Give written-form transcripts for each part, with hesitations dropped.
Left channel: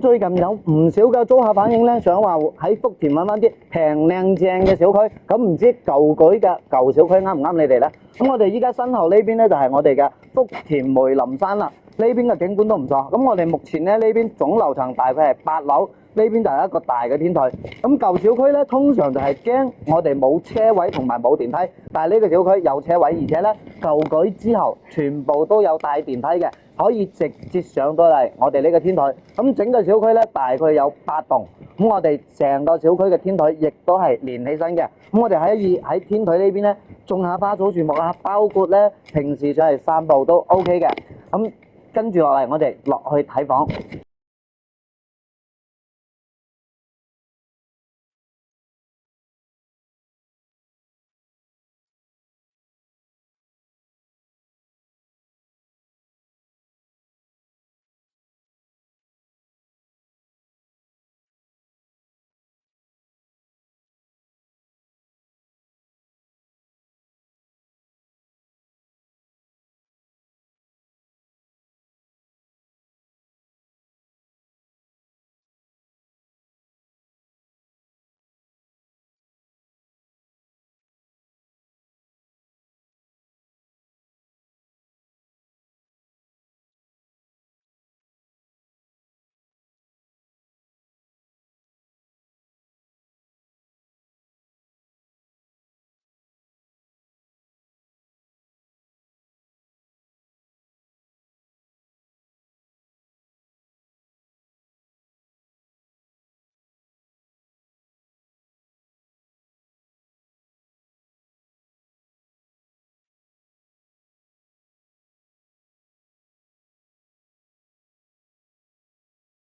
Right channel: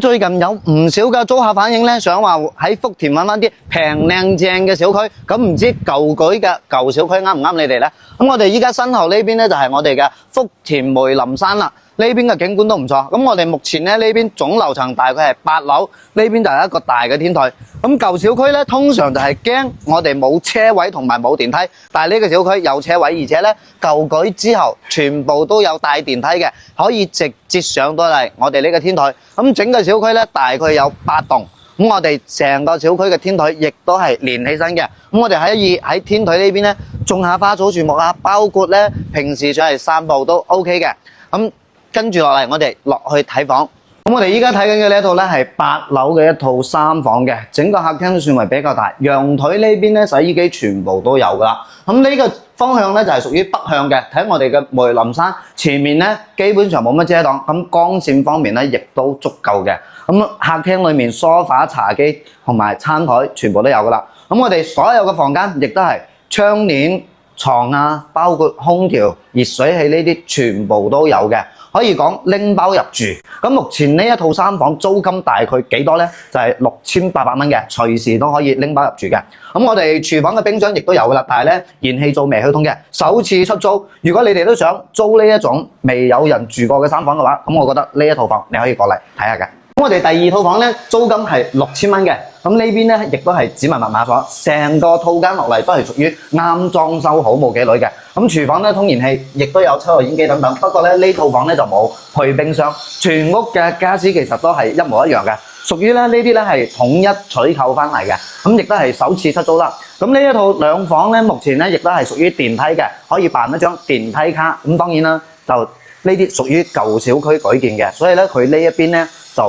咁最近有唔少嘅租客反映咧，想話喺福田揾翻啲平靚正嘅小區，咁唔知舊舉嘅舊小區啱唔啱你哋咧？咁我哋依家身後呢邊咧就係我哋嘅福田梅林山啦。呢邊嘅景觀都唔錯，咁我哋目前咧呢邊總樓層大概係8樓，呢邊就係一個大嘅天台。咁舊小區咧通常就係驚我哋冇車位同埋冇電梯，但係呢個小區有車位，而且咧舊改之後全部都有帶電梯嘅，可以直接上到嚟我哋呢個天台。咁整個小區咧大概有8棟，咁我哋成個小區嘅天台亦都係連起身嘅。咁我哋可以喺天台呢邊咧種下花草樹木啊，包括咧平時上嚟散步都 OK 嘅。咁跟住落嚟，我哋落去睇房。咁我哋依家睇緊嘅呢一套咧係8樓嘅一套3房嘅，整個客廳都算為比較大。陽台呢邊咧洗衣機全部都有噶啦。咁呢個方向咧就係屬於北向嘅，睇我哋嘅梅林山前面咧基本上冇乜遮擋，咁光線方面咧亦都足夠嘅。咁客廳裏面梳化、茶几同埋餐台全部都有噶啦。咁我哋所有嘅房間亦都係窗簾、床啊，包括空調、熱水器呢啲全部都有嘅。可以講拎包入住。咁目前呢一套3房租金大概幾多呢？就係6800蚊嘅，隨時都可以拎包入住嘅。咁我哋廚房嘅冰箱亦都有噶啦，但係咧燃氣灶未開通嘅，首次出租。如果你哋都想租呢一種未有人住過嘅3房嘅話，咁我覺得呢一套房你可以過嚟睇下嘅。咁我哋第2套房咧租金係6000蚊嘅，咁呢邊咧亦都係指紋密碼房，成個套間落嚟都係屬於啱裝修好冇幾耐嘅。咁廚房咧通燃氣，亦都有抽油煙機等等。不過咧呢套房咧就冇配冰箱，全屋嘅家私其實都係一模一樣嘅，屬於咧呢啲咧係統一採購翻嚟嘅。咁亦都係首次出租啦。咁呢一套2房咧，目前咧亦都係屬於電梯嘅，可以辦一張電梯卡。咁當然啦，就呢啲屬於舊小區改建嘅，所以咧佢呢一邊咧就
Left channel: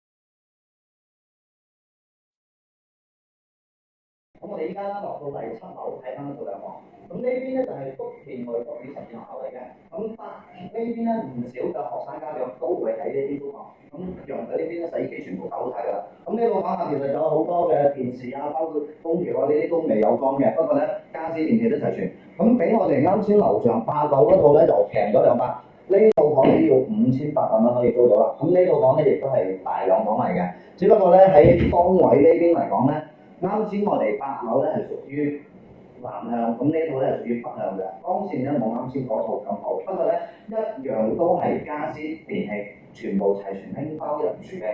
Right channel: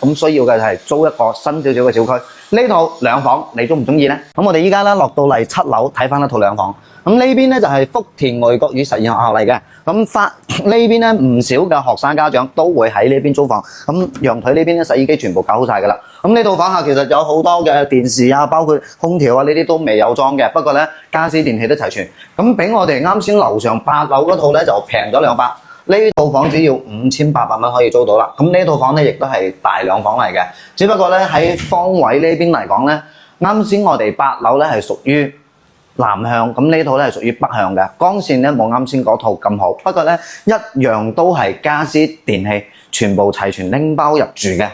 咁需要嘅係租一個新少少嘅小區。呢套2房你中唔中意呢？咁我哋依家咧落到嚟7樓睇翻一套2房。咁呢邊咧就係福田外國語實驗學校嚟嘅。咁呢邊咧唔少嘅學生家長都會喺呢邊租房。咁陽台呢邊咧洗衣機全部搞好晒㗎啦。咁呢套房下其實有好多嘅電視啊，包括空調啊呢啲都未有裝嘅。不過咧家私電器都齊全。咁比我哋啱先樓上8樓嗰套咧就平咗200。呢套房只要5800蚊可以租到啦。咁呢套房咧亦都係大2房嚟嘅，只不過咧喺方位呢邊嚟講咧，啱先我哋8樓咧係屬於南向，咁呢套咧係屬於北向嘅，光線咧冇啱先嗰套咁好，不過咧一樣都係家私電器全部齊全拎包入住嘅。